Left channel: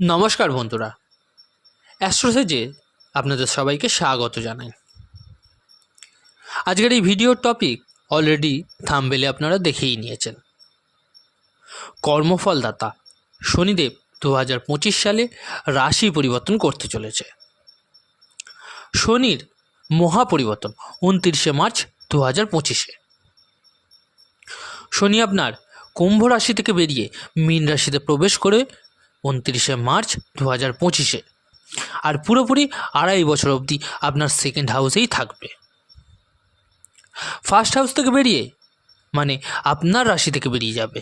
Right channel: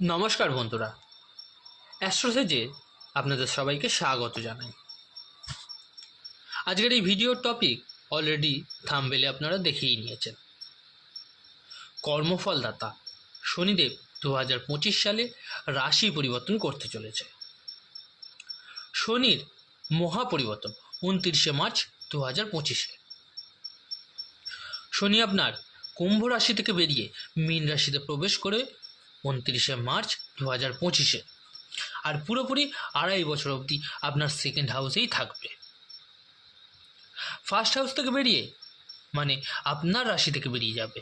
নমস্কার বন্ধুরা, অ্যাস্ট্রোসেজে আপনাদের সবাইকে স্বাগত জানাই। আজকের এই ভিডিওর টপিক অলরেডি থাম্বনেলে আপনারা দেখেই নিয়েছেন। কর্মফলদাতা শনিদেব 2025 সালে রাশি পরিবর্তন করতে চলেছে। শনির মহাপরিবর্তন 29শে মার্চ 2025-এ। শনি আপনার কুম্ভ রাশি থেকে বেরিয়ে মীন রাশিতে প্রবেশ করে 29শে মার্চ 2025-এ, আর পুরোপুরি 2.5 বছর অবধি আপনার সেকেন্ড হাউসেই থাকবে। ফার্স্ট হাউস থেকে বেরিয়ে মানে আপনার রাশি থেকে বেরিয়ে যাবে।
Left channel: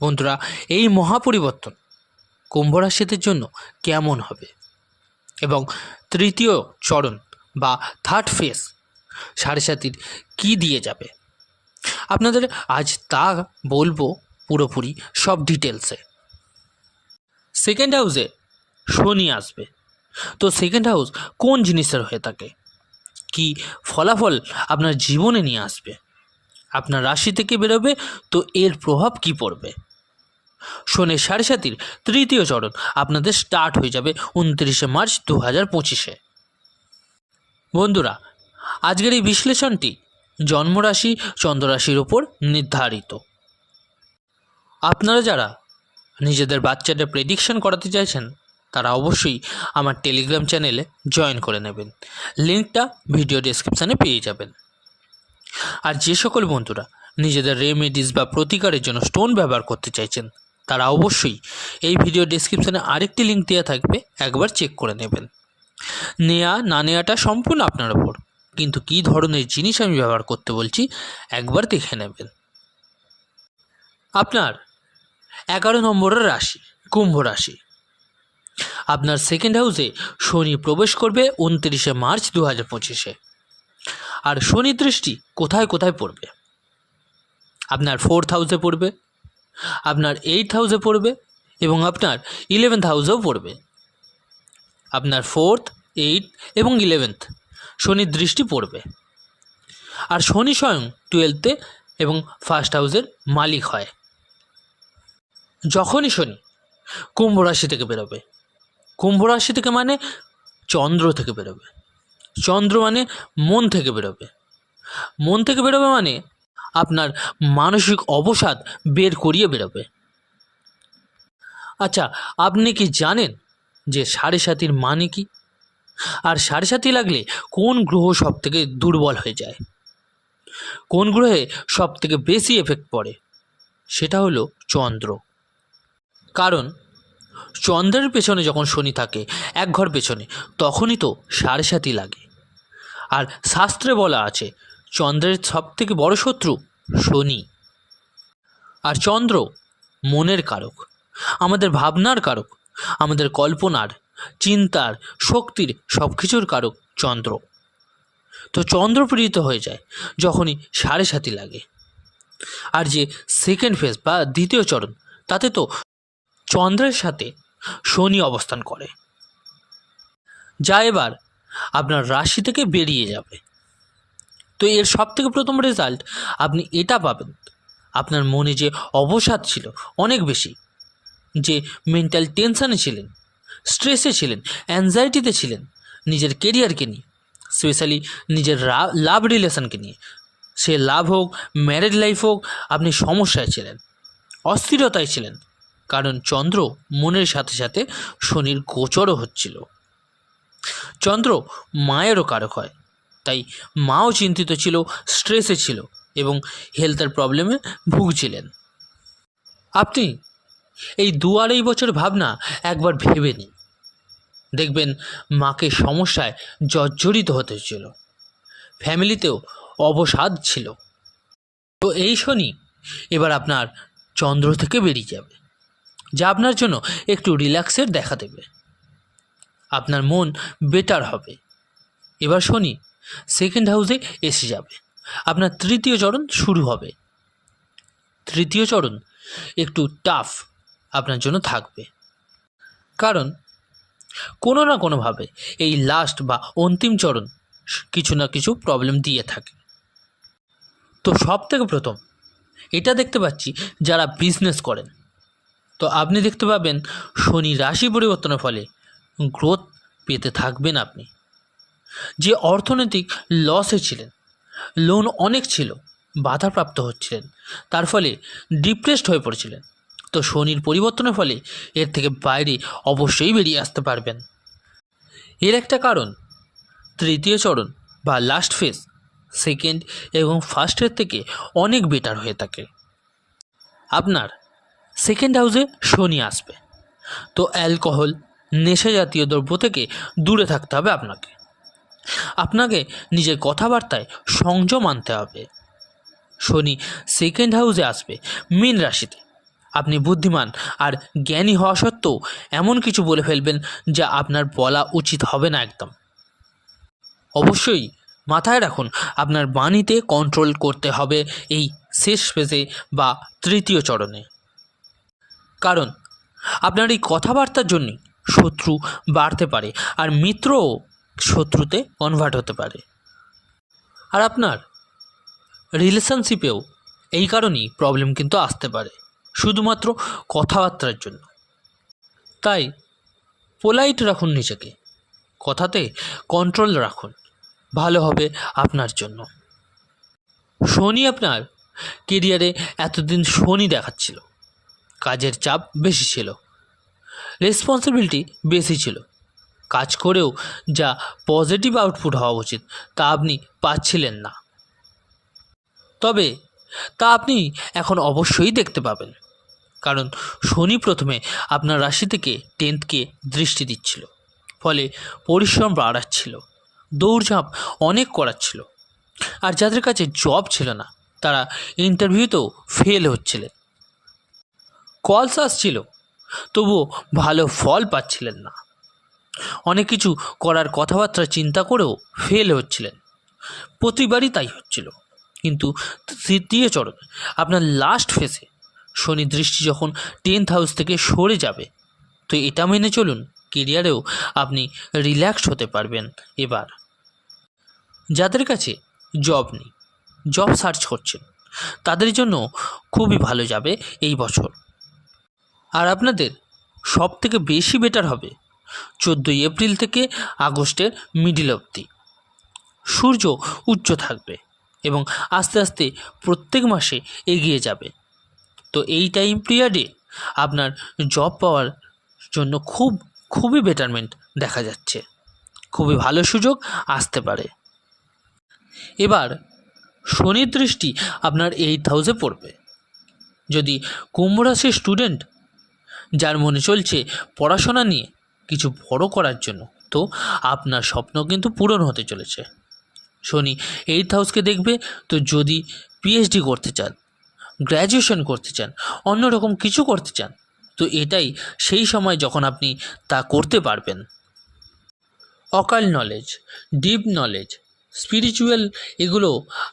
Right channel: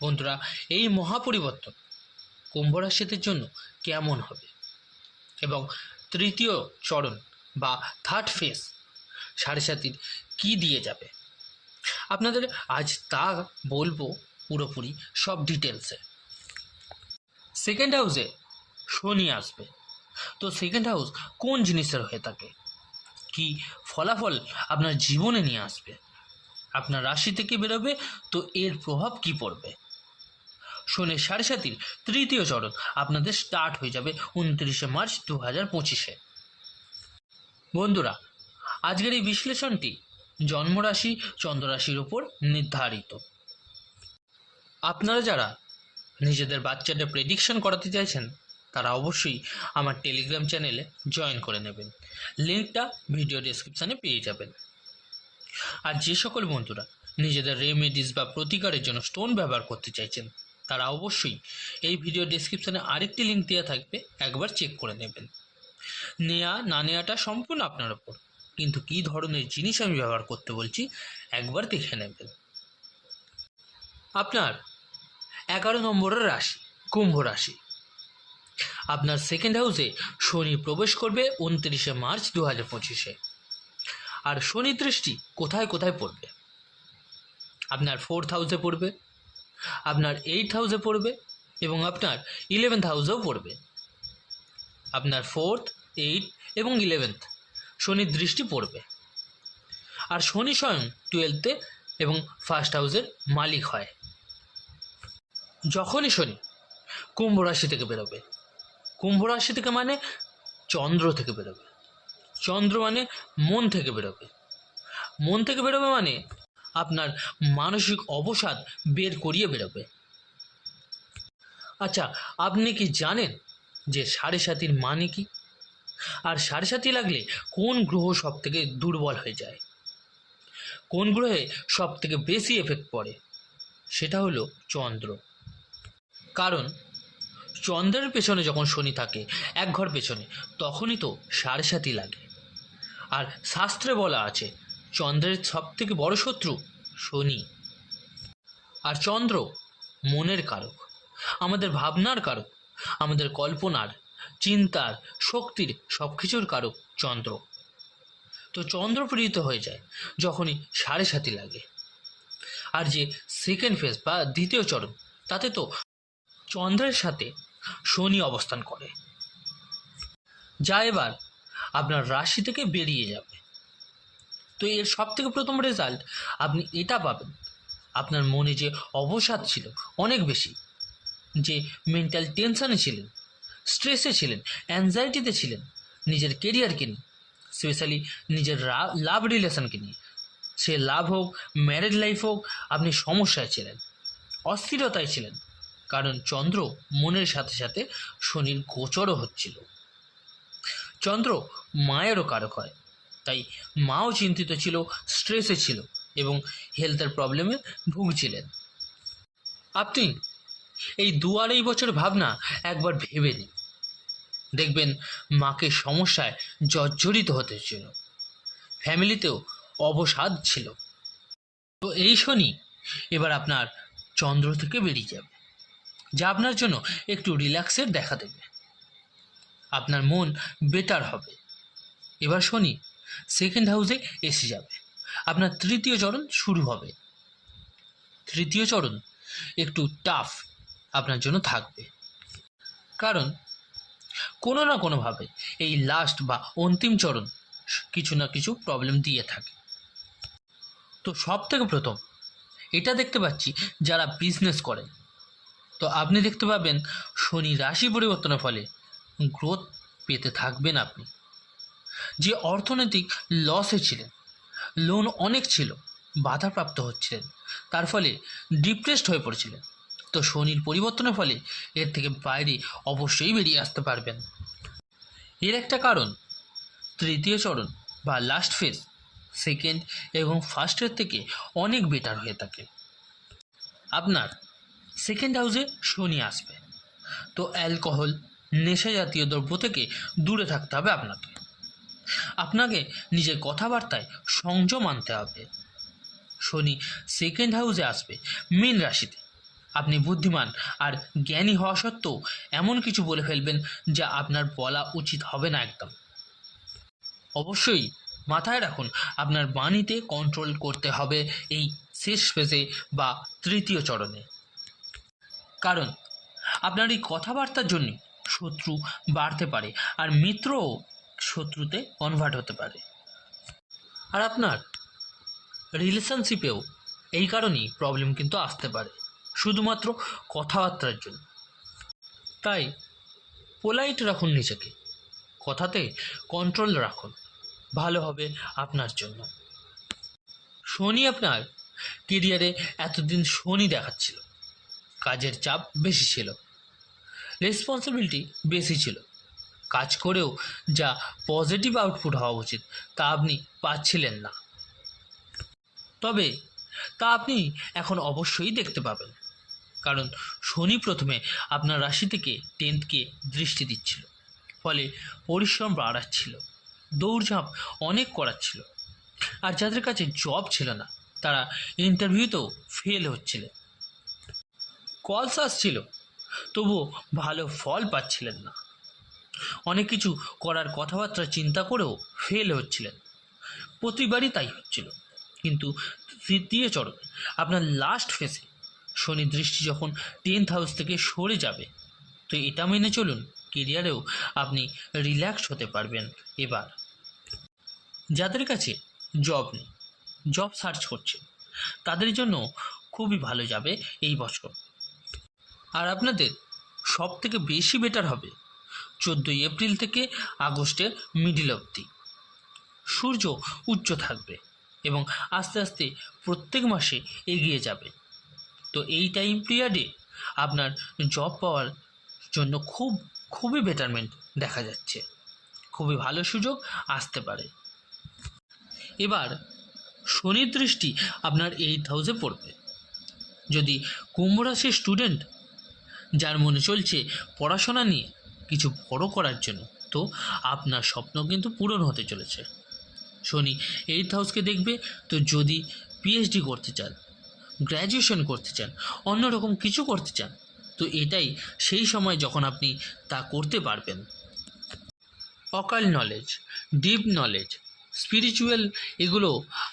বন্ধুরা, এই মহাপরিবর্তন কুম্ভ রাশিদের জন্য কেমন হবে এবং তৃতীয় চরণ বা থার্ড ফেজ সাড়ে সাতির কী দিয়ে যাবে, আপনাদের আজ তা বলবো পুরোপুরি সব ডিটেলসে। সেকেন্ড হাউসে শনি আসবে, তো সেকেন্ড হাউস কোন জিনিসের হয়ে থাকে, কি ফলাফল আপনার জীবনে নিয়ে আসবে, আপনার রাশি থেকে বেরোবে, তো এর প্রভাব কি পড়বে। শনির সাড়ে সাতির তৃতীয় চরণ আপনাদের স্টার্ট হয়ে যাবে 29শে মার্চ 2025-এ। বন্ধুরা, আজকের এই বিশ্লেষণটি জন্মরাশি চন্দ্ররাশির ওপর নির্ধারিত। আপনারা যারা নিজেদের বাচ্চাদের প্রেডিকশন করাতে চাইছেন তারা অবশ্যই আমার টেলিগ্রাম চ্যানেলে জয়েন করে নেবেন, লিঙ্কটা ভিডিও ডেসক্রিপশানে পেয়ে যাবেন। আর যে সকল বন্ধুরা নিজেদের রেমেডিস বা প্রতিকারের জন্য স্টোন ব্যবহার করতে চাইছেন তারা অবশ্যই এই ভিডিও ডেসক্রিপশানে আরেকটি লিঙ্ক দেওয়া থাকবে, একবার চেক করে নেবেন। নেওয়া না নেওয়াটা সম্পূর্ণ আপনার ওপর, কিন্তু কী ধরনের জিনিস আমি ব্যবহার করতে বলছি একবার দেখে নেবেন। আপনার 11 নম্বরের রাশি কুম্ভ রাশি, আপনার সেকেন্ড হাউসে শনি প্রবেশ করবে 29শে মার্চ 2025-এ। আর শনি দৃষ্টি কোথায় কোথায় পড়বে, আপনার 4th হাউসে পড়বে, আপনার 8th হাউসে পড়বে এবং আপনার 11th হাউসেও পড়বে। আপনার 4th, 8th এবং 11th শনির দৃষ্টি পড়বে। আর শনি স্বয়ং 12th এবং ফার্স্ট হাউসের মালিক হয়। যখনই শনি কুম্ভ রাশি থেকে বেরোবে, কুম্ভ রাশি থেকে মানে চন্দ্র থেকে বেরোবে, চন্দ্র মানে মন থেকে বেরোবে, মন থেকে বেরোবে মানে আপনার মানসিক অবসাদ বের করিয়ে বেরোবে। আচ্ছা, আপনি কি জানেন যে সাড়ে সাতির মানে কি, আর সাড়ে সাতি লাগলে কোন গ্রহ সব থেকে দুর্বল হয়ে যায়, কোন গ্রহে সব থেকে বেশি এফেক্ট পড়ে? সেটা হলো চন্দ্র। কারণ চন্দ্রের পেছনে যখন শনি থাকে এক ঘর পেছনে, তখনই তো সাড়ে সাতি লাগে। আর শাস্ত্রে বলা আছে চন্দ্রের সব থেকে বড় শত্রু শনি। আর চন্দ্র মনের কারক, আমাদের ভাবনার কারক, আমাদের কল্পনার, চিন্তার, শক্তির সব কিছুর কারক চন্দ্র। তো চন্দ্র পীড়িত হয়ে যায় যখনই সাড়ে সাতি লাগে। আর যে সেকেন্ড ফেজ বা দ্বিতীয় চরণ, তাতে তো চন্দ্রের সাথে শনি অবস্থান করে, যা এবার আপনার রাশি থেকে বেরিয়ে যাবে। তো এর সব থেকে প্রথম রেজাল্ট আপনি এটা পাবেন, আপনার মনে যে অবসাদ ছিল অনেক বেশি, যে মেন্টাল টেনশানে ছিলেন, স্ট্রেসে ছিলেন, অ্যাংজাইটিতে ছিলেন, নিজের কেরিয়ারকে নিয়ে, স্পেশালি নিজের লাভ রিলেশনকে নিয়ে, সে লাভ হোক, ম্যারেড লাইফ হোক, আপনি সমস্যায় ছিলেন, অস্থিরতায় ছিলেন। কারণ চন্দ্র মনের সাথে সাথে শনির গোচরও হচ্ছিল। চন্দ্র মায়েরও কারক হয়, তাই মাও চিন্তিত ছিল, স্ট্রেসে ছিল এবং হেলথের প্রবলেমে ভুগছিলেন। আপনি এই 2-2.5 বছর ভাবনা একবার ভেবে নিন, দেখবেন মাকে সমস্যায় জর্জরিত হতে হচ্ছিল, ফ্যামিলিতেও অবসাদ ছিল। তো এই শনি এবার আপনার চন্দ্র থেকে বেরিয়ে যাবে, যা আপনার জন্য একটু রিল্যাক্সের দেখা দেবে, আপনার মন বেটার হবে। এবার শনি সেকেন্ড হাউসে এসে যাবে, আপনার তৃতীয় চরণ শুরু হবে। তৃতীয় চরণ একটু টাফ আপনার জন্য থাকবে, কারণ কোনো না কোনোভাবে এই লাস্ট বা অন্তিম চরণ কিছু না কিছু প্রবলেম দিয়ে থাকে। তো সব থেকে প্রথম এটা দেখতে পাচ্ছি যারা বিজনেস করেন, তো আপনি দেখতে পাবেন শনি রাশি পরিবর্তনের ফলে গ্রোথ পেতে থাকবেন আপনি। যে অর্থনৈতিক লস হয়েছিলেন, লোন অনেক ছিল, বাধাপ্রাপ্ত হচ্ছিলেন, তার ফলে ডিপ্রেসড হয়ে পড়েছিলেন, তো শনির পরিবর্তনের ফলে এর থেকে বাইরে অবশ্যই বেরিয়ে আসতে পারবেন। এর একটা কারণ তৃতীয় চরণ বা লাস্ট ফেজ সেকেন্ড এবং ফার্স্টের থেকে অনেক বেটার হয়ে থাকে। আপনার সেকেন্ড হাউসে শনি আসবে, তো অ্যালকোহল, নেশা জাতীয় দ্রব্য থেকে দূরে থাকতে হবে আপনাকে। আপনাকে নিজের কথাবার্তায় সংযম আনতে হবে। শনি সেকেন্ড হাউসে আসবে মীন রাশিতে। আপনি বুদ্ধিমান আর জ্ঞানী হওয়া সত্ত্বেও এমন কিছু বলে ফেলবেন যা আপনার বলা উচিত হবে না একদম। অবশ্যই মাথায় রাখুন, আপনার বাণীতে কন্ট্রোল করতে হবে এই শেষ ফেজে বা তৃতীয় চরণে, কারণ আপনার এই কথাবার্তার জন্য শত্রু বাড়তে পারে আর মিত্রও শত্রুতে কনভার্ট হতে পারে। আর আপনার রিলেশনশিপেও এই কারণেই প্রবলেম কিন্তু আসতে পারে, শুধুমাত্র কথাবার্তার জন্য। তাই পোলাইট রাখুন নিজেকে, কথাতে কন্ট্রোল রাখুন, ভালো হবে আপনার জন্য। শনি আপনার কেরিয়ারে এতদিন শনি দেখাচ্ছিল, কাজের চাপ বেশি ছিল, রেসপন্সিবিলিটি বেশি ছিল, কাজ করেও যা পজিটিভ আউটপুট হওয়া উচিত তা আপনি পাচ্ছিলেন না। তবে তা আপনি এখন অবশ্যই দেখতে পাবেন, কারণ শনি প্রথমে আপনার রাশি থেকে 10th দৃষ্টি দিচ্ছিল, ফলে পরিশ্রম বাড়াচ্ছিল, দৌড়ঝাঁপ অনেক করাচ্ছিল। আর যাদের কাছে জব ছিল না তারা ইন্টারভিউতেও ফেল হচ্ছিলেন, কলস আসছিল তবুও ভালো ফল পাচ্ছিলেন না, অনেক কিছু করার কথাবার্তা চিন্তা করেও ফেল হচ্ছিলেন, প্রতিবারই তাই হচ্ছিল। কিন্তু তৃতীয় চরণ আপনার লাস্ট ফেজে শনি দৃষ্টি যখন 10th হাউস থেকে সরে যাবে, তো এটা মেনে চলুন কেরিয়ারেও আপনি রিল্যাক্সড হতে পারবেন। এবার যাদের কাছে জব নেই, জব সার্চ করছেন, তাদের জন্য খুবই ভালো যাবে এই বছর। আর আপনাদের সব থেকে বেশি বেটার হবে 14ই এপ্রিল থেকে আগস্টের মিডিল অবধি। সূর্য উচ্চ থাকবে এবং আস্তে আস্তে প্রত্যেক মাসে এগিয়ে যাবে, তো এই টাইম পিরিয়ডে আপনার জব পাওয়ার জন্য খুবই বেটারমেন্ট দেখা যাচ্ছে, খুবই ভালো সুযোগ আসতে পারে। এবার শনির দৃষ্টি আপনার 8th হাউসে পড়বে। যদি কুম্ভ রাশির স্টুডেন্ট যার মনে চলছে পড়াশোনা নিয়ে কিছু বড় করার জন্য, তো আপনার স্বপ্ন কিন্তু পূরণ হতে চলেছে। শনি 8th হাউসকে দেখবে, তো যদি পিএইচডি করতে চান, গ্র্যাজুয়েশন করতে চান, অন্যরকম কিছু করতে চান, তো এটাই সেই সময় যখন আপনি তা করতে পারবেন। Occult knowledge, deep knowledge, spiritual এগুলো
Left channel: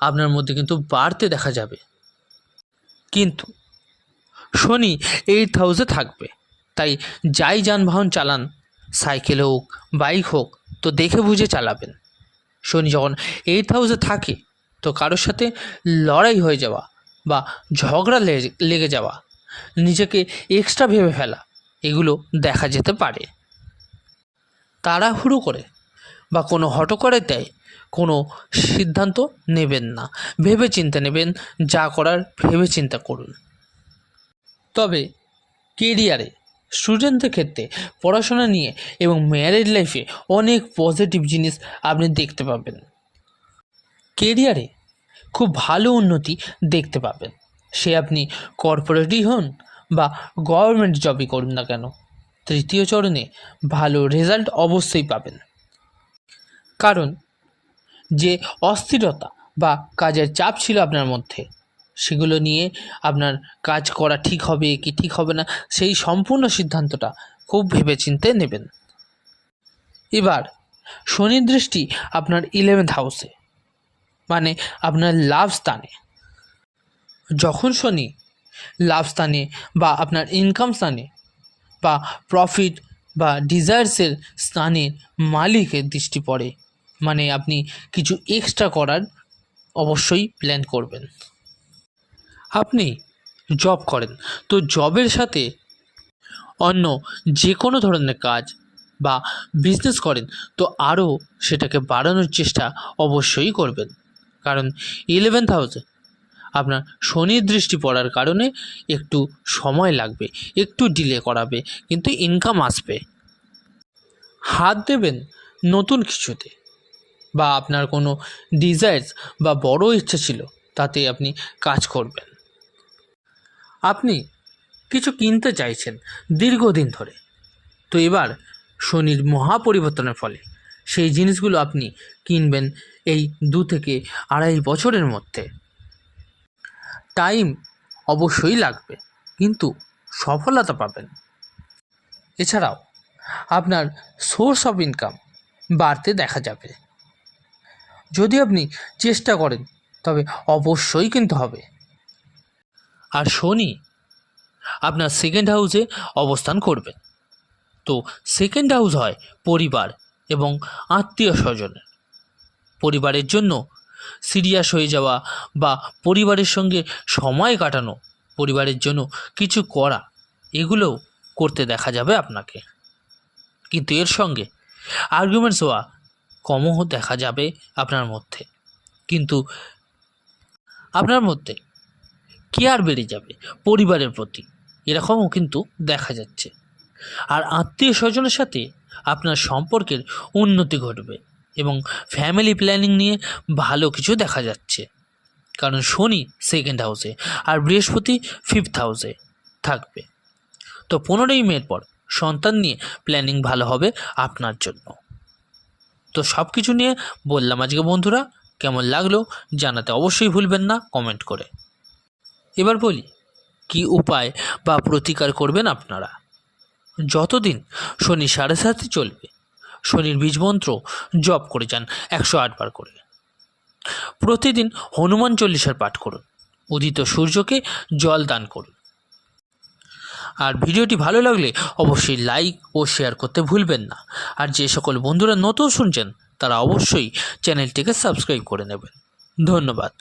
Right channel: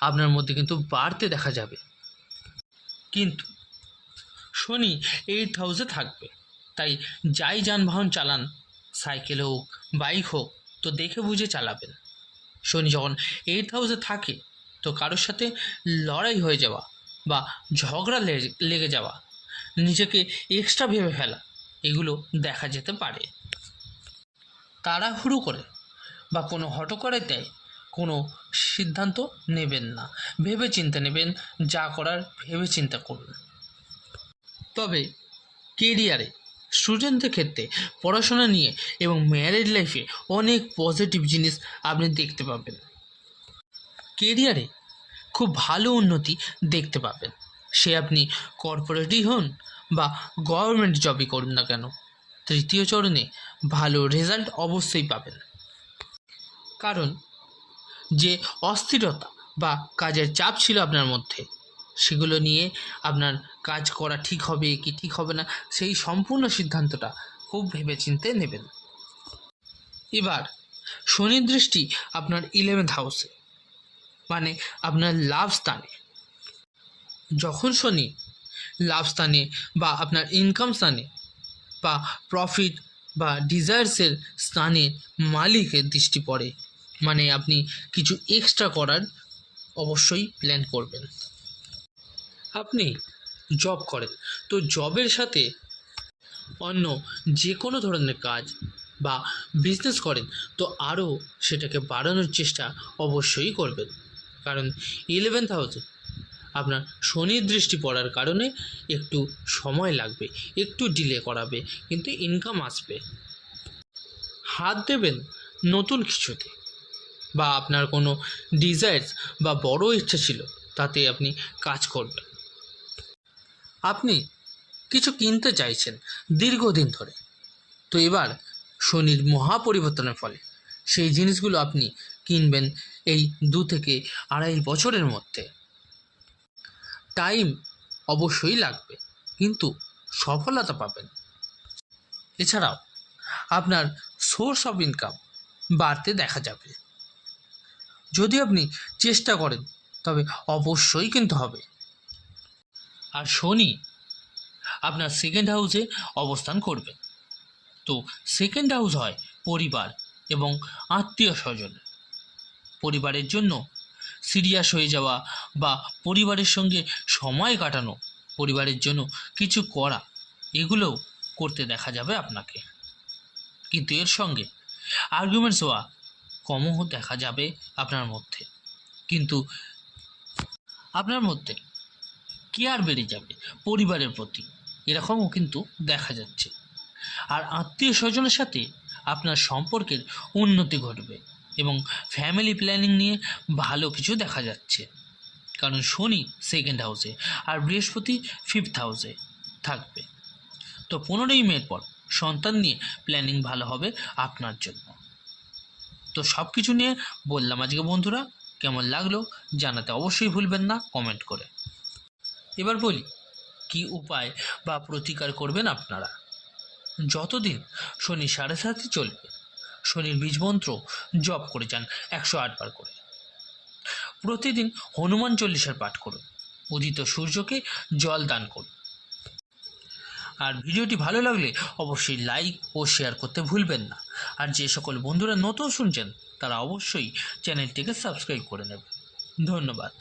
আপনার মধ্যে কিন্তু বাড়তে দেখা যাবে। কিন্তু শনি 8th হাউসে থাকবে, তাই যাই যানবাহন চালান, সাইকেল হোক, বাইক হোক, তো দেখে বুঝে চালাবেন। শনি যখন 8th হাউসে থাকে, তো কারোর সাথে লড়াই হয়ে যাওয়া বা ঝগড়া লেগে যাওয়া, নিজেকে এক্সট্রা ভেবে ফেলা, এগুলো দেখা যেতে পারে। তাড়াহুড়ো করে বা কোনো হঠকরায় কোনো সিদ্ধান্ত নেবেন না, ভেবে চিন্তে নেবেন, যা করার ভেবে চিন্তা করুন। তবে কেরিয়ারে স্টুডেন্টদের ক্ষেত্রে পড়াশোনা নিয়ে এবং ম্যারেজ লাইফে অনেক পজিটিভ জিনিস আপনি দেখতে পাবেন। কেরিয়ারে খুব ভালো উন্নতি দেখতে পাবেন, সে আপনি কর্পোরেটই হন বা গভর্নমেন্ট জবই করুন না কেন, তৃতীয় চরণে ভালো রেজাল্ট অবশ্যই পাবেন। কারণ যে অস্থিরতা বা কাজের চাপ ছিল আপনার মধ্যে, সেগুলো নিয়ে আপনার কাজ করা ঠিক হবে কি ঠিক হবে না, সেই সম্পূর্ণ সিদ্ধান্তটা খুব ভেবেচিন্তে নেবেন। এবার শনির দৃষ্টি আপনার 11th হাউসে, মানে আপনার লাভ স্থানে। যখন শনি লাভ স্থানে বা আপনার ইনকাম স্থানে বা প্রফিট বা ডিজায়ার্সের স্থানে মালিকের দৃষ্টি পড়ে, মানে আপনি কিছু এক্সট্রা করার অবশ্যই প্ল্যান করবেন। আপনি জব করেন, তো জবের সাথে অন্য যে কোনো ধরনের কাজ বা বিজনেস করেন তো আরও সেটাকে বাড়ানোর চেষ্টা অবশ্যই করবেন, কারণ 11th হাউসে আপনার শনির দৃষ্টি পড়ার কারণে একটু সময় লাগবে, একটু ডিলে করাবে, কিন্তু ইনকাম আসবে। হাত দেবেন নতুন কিছুতে, বা আপনার কোনো ডিজায়ার্স বা বড় ইচ্ছা ছিল তাতে আপনি কাজ করবেন। আপনি কিছু কিনতে চাইছেন দীর্ঘদিন ধরে, তো এবার শনির মহা পরিবর্তনের ফলে সেই জিনিসগুলো আপনি কিনবেন এই 2 থেকে 2.5 বছরের মধ্যে। টাইম অবশ্যই লাগবে, কিন্তু সফলতা পাবেন। এছাড়াও আপনার সোর্স অফ ইনকাম বাড়তে দেখা যাবে। যদি আপনি চেষ্টা করেন তবে অবশ্যই কিন্তু হবে। আর শনি আপনার 2nd হাউসে অবস্থান করবে, তো 2nd হাউস হয় পরিবার এবং আত্মীয় স্বজনের। পরিবারের জন্য সিরিয়াস হয়ে যাওয়া বা পরিবারের সঙ্গে সময় কাটানো, পরিবারের জন্য কিছু করা, এগুলোও করতে দেখা যাবে আপনাকে। কিন্তু এর সঙ্গে আর্গুমেন্টস হওয়া কমও দেখা যাবে আপনার মধ্যে, কিন্তু আপনার মধ্যে কেয়ার বেড়ে যাবে পরিবারের প্রতি, এরকমও কিন্তু দেখা যাচ্ছে। আর আত্মীয় স্বজনের সাথে আপনার সম্পর্কের উন্নতি ঘটবে এবং ফ্যামিলি প্ল্যানিং নিয়ে ভালো কিছু দেখা যাচ্ছে, কারণ শনি 2nd হাউসে আর বৃহস্পতি 5th হাউসে থাকবে। তো 15ই মের পর সন্তান নিয়ে প্ল্যানিং ভালো হবে আপনার জন্য। তো সব কিছু নিয়ে বললাম আজকে বন্ধুরা, কেমন লাগলো জানাতে অবশ্যই ভুলবেন না কমেন্ট করে। এবার বলি কি উপায় বা প্রতিকার করবেন আপনারা। যতদিন শনি 7.5 চলবে শনির বীজমন্ত্র জপ করে যান 108 বার করে। প্রতিদিন হনুমান চল্লিশার পাঠ করুন, উদিত সূর্যকে জল দান করুন। আর ভিডিওটি ভালো লাগলে অবশ্যই লাইক ও শেয়ার করতে ভুলবেন না। আর যে সকল বন্ধুরা নতুন শুনছেন তারা অবশ্যই চ্যানেলটিকে সাবস্ক্রাইব করে নেবেন। ধন্যবাদ।